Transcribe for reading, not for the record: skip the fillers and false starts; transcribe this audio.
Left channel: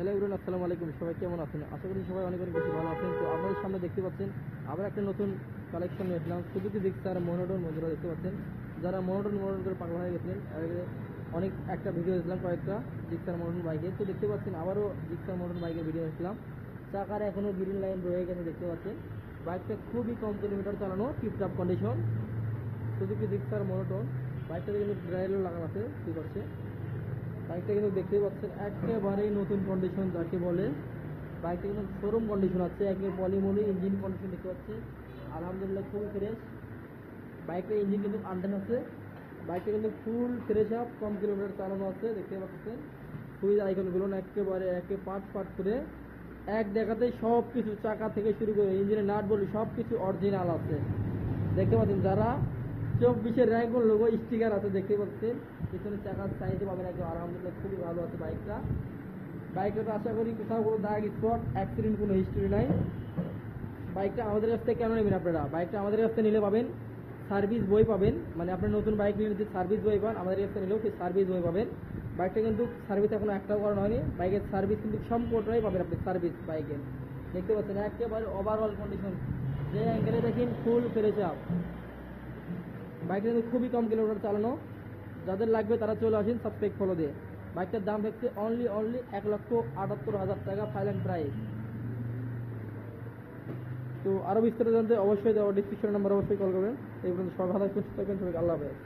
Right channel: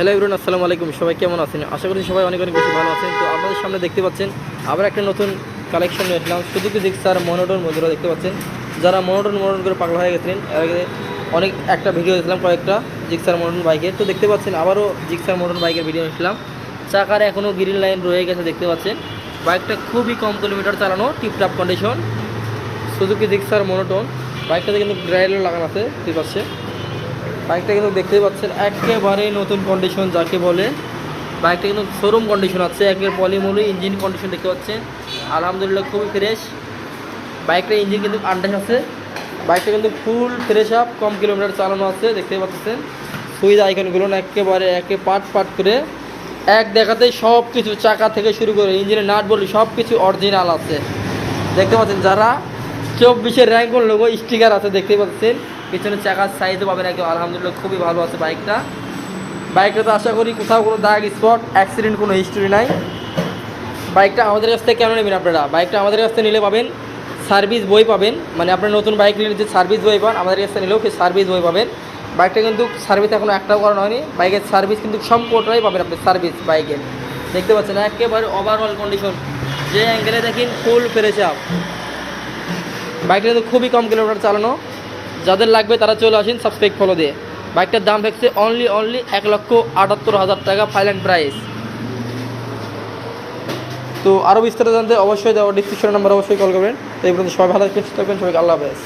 Hello everyone, আসসালামু আলাইকুম। সবাই কেমন আছেন? আশা করি সবাই অনেক অনেক বেশি ভালো আছেন। তো আপনাদের সামনে দেখতে পাচ্ছেন আবার একটা নতুন কালেকশন নিয়ে আসলাম। সুজুকি জিক্সার মনোটন বন্ধুরা দেখতে পাচ্ছেন, যারা মনোটন করে পাগল হয়ে গেছিলেন। এর আগে অনেক একটা ভিডিও দিয়েছিলাম কয়েকটা জিক্সার মনোটন বাইকের। তো দেখতে পাচ্ছেন আবারও জিক্সার মনোটন বাইকের ভিডিও নিয়েছিলাম। চাকার এখনও গ্রিন লাইন রয়ে গেছে দেখতে পাচ্ছেন। বাইকটা খুবই কম কিলোমিটার চালানো, টিপটাপ কন্ডিশন। সুজুকি জিক্সার মনোটন বাইকটাতে কিন্তু গ্রাইলার লাগানো আছে, ঠিক আছে। বাইকটা কিন্তু দেখতেই পাচ্ছেন একেবারে নতুন কন্ডিশন যাকে বলে। বাইকটা কিন্তু শোরুম কন্ডিশন আছে, একের পলিমলি ইঞ্জিন কন্ডিশন দেখতে পাচ্ছেন আলহামদুলিল্লাহ খুবই ফ্রেশ। বাইকটার ইঞ্জিন কিন্তু আন্ডাস আছে। বাইকটা কিন্তু ফুল ফ্রেশ আপ, কম কিলোমিটার চালানো আছে দেখতেই পাচ্ছেন। সুইচ আইকনগুলো একেবারে একে পার্ট পার্ট করে এক দেখাতে সব কিছু, চাকা থেকে শুরু করে ইঞ্জিনের নাট বলি সব কিছু অরিজিনাল আছে দেখতে পাচ্ছেন। যারা 24-এর র্যাঙ্ক লোগো স্টিকার আছে দেখতেই পাচ্ছেন। পিছনে চাকার সাইজও পাবেন একদম আলহামদুলিল্লাহ খুবই ভালো আছে বাইকটা তো আশা করি কোথাও কোনো দাগ স্পট অ্যাক্সিডেন্ট কোনো হিস্টোরি নাই। বাইকটা আমাদের কাছ থেকে কেন নেবেন আপনারা? বাইকটা আমাদের কাছ থেকে নিলে পাবেন সার্ভিস বই পাবেন, মানে আপনার নতুন বাইক নিলে যে সার্ভিস বই পান আমাদের কাছ থেকে নিলেও সেই সার্ভিস বই পাবেন। বাইকটা কিন্তু সার্ভিস এখনও একটাও করানো হয়নি। বাইকের সার্ভিস কিন্তু সম্পূর্ণটাই পাবেন আপনি সার্ভিস বাইকের। দেখতে পাচ্ছেন একেবারে ওভারঅল কন্ডিশন, যে অ্যাঙ্গেলে দেখেন ফুল ফ্রেশ আপ। বাইকটা কিন্তু খুবই কম কিলোমিটার চালানো। যাদের লাগবে তারা চলে আসেন সাবস্ক্রাইব ফলো দিয়ে। বাইকটার দাম থাকছে অনলি 1,78,000 টাকা ফাইনাল প্রাইস। তো আরও বিস্তারিত জানতে অবশ্যই দেওয়া ডিসক্রিপশন নাম্বার অবশ্যই কল করবেন। তো এই পর্যন্ত সবাই ভালো থাকবেন, সুস্থ থাকবেন, সবাইকে আল্লাহ হাফেজ।